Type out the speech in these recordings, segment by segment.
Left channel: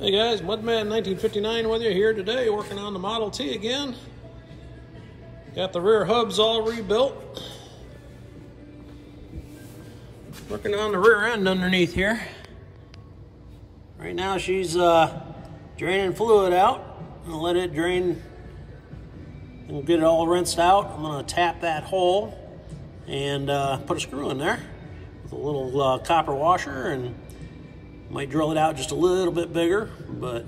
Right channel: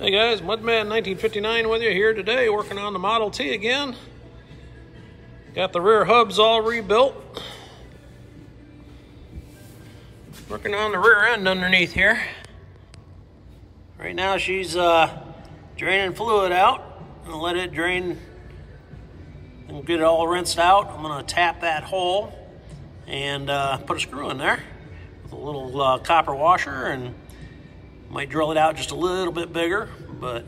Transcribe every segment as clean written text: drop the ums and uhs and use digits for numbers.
Hey guys, Mudman 1959 with you here today, working on the Model T again. Got the rear hubs all rebuilt. Working on the rear end underneath here. Right now she's draining fluid out. I'm gonna let it drain and get it all rinsed out. I'm gonna tap that hole and put a screw in there with a little copper washer, and might drill it out just a little bit bigger, but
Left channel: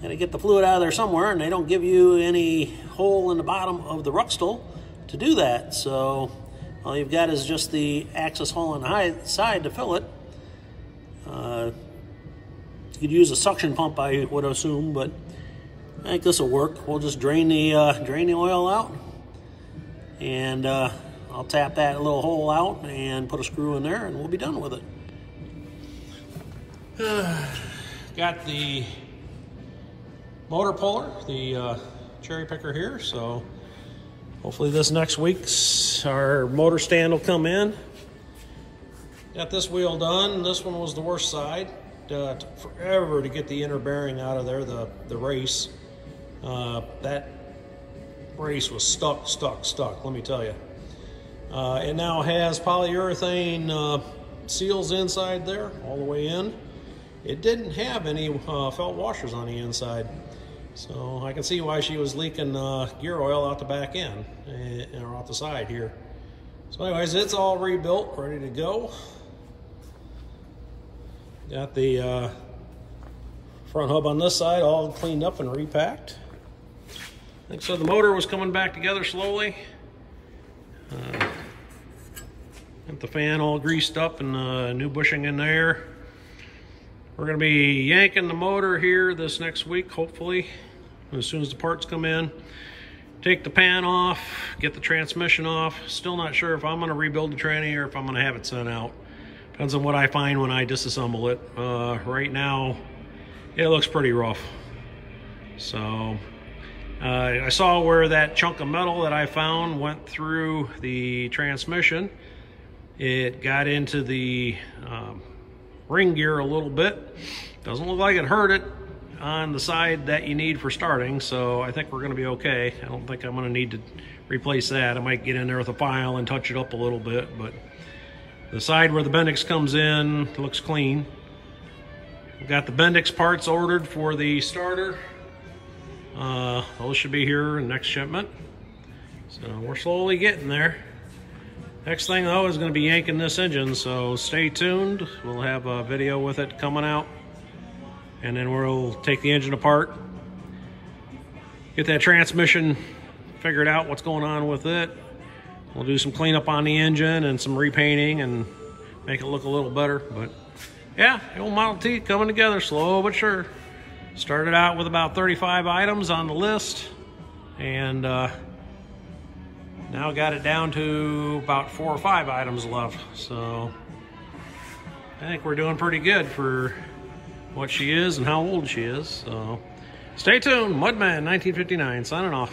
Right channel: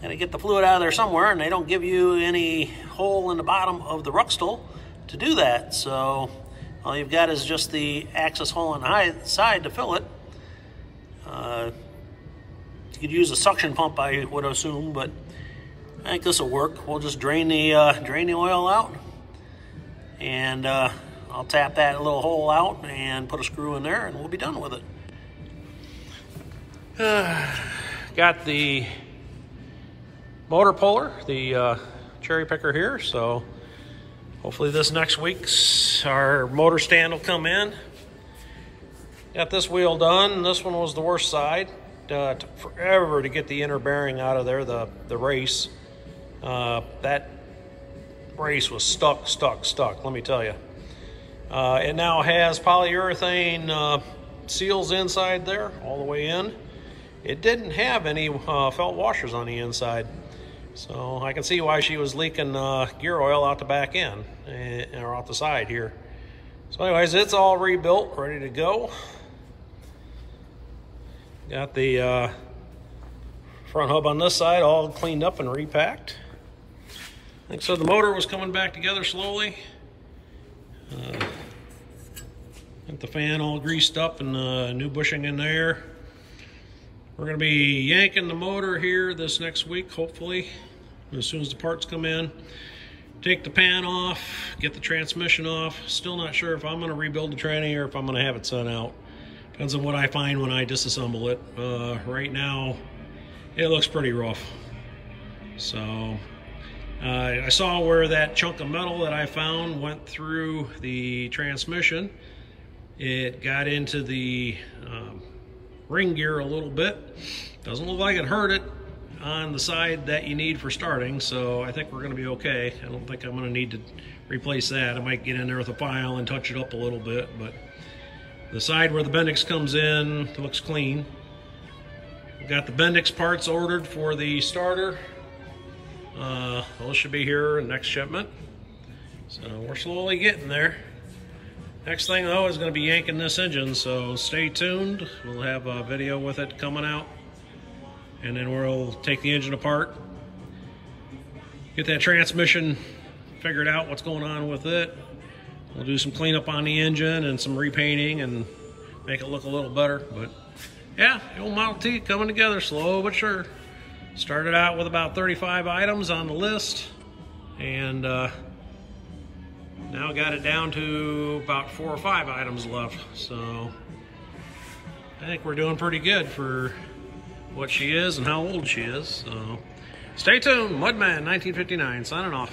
gotta get the fluid out of there somewhere, and they don't give you any hole in the bottom of the Rucksall to do that. So all you've got is just the access hole on the side to fill it. You could use a suction pump, I would assume, but I think this will work. We'll just drain the oil out, and I'll tap that little hole out and put a screw in there, and we'll be done with it. Got the motor puller, the cherry picker here, so hopefully this next week our motor stand will come in. Got this wheel done. This one was the worst side. Took forever to get the inner bearing out of there, the race. That race was stuck, let me tell you. It now has polyurethane seals inside there, all the way in. It didn't have any felt washers on the inside, so I can see why she was leaking gear oil out the back end, or out the side here. So anyways, it's all rebuilt, ready to go. Got the front hub on this side all cleaned up and repacked. Like I said, the motor was coming back together slowly. Got the fan all greased up and new bushing in there. We're going to be yanking the motor here this next week, hopefully, as soon as the parts come in. Take the pan off, get the transmission off. Still not sure if I'm going to rebuild the tranny or if I'm going to have it sent out. Depends on what I find when I disassemble it. Right now, it looks pretty rough. So, I saw where that chunk of metal that I found went through the transmission. It got into the ring gear a little bit. Doesn't look like it hurt it on the side that you need for starting, so I think we're going to be okay. I don't think I'm going to need to replace that. I might get in there with a file and touch it up a little bit, but the side where the Bendix comes in looks clean. We've got the Bendix parts ordered for the starter. Those should be here in next shipment, so we're slowly getting there. Next thing though is going to be yanking this engine, so stay tuned. We'll have a video with it coming out, and then we'll take the engine apart, get that transmission figured out, what's going on with it. We'll do some cleanup on the engine and some repainting and make it look a little better. But yeah, the old Model T coming together slow but sure. Started out with about 35 items on the list, and now got it down to about 4 or 5 items left. So I think we're doing pretty good for what she is and how old she is. So stay tuned. Mudman 1959 signing off.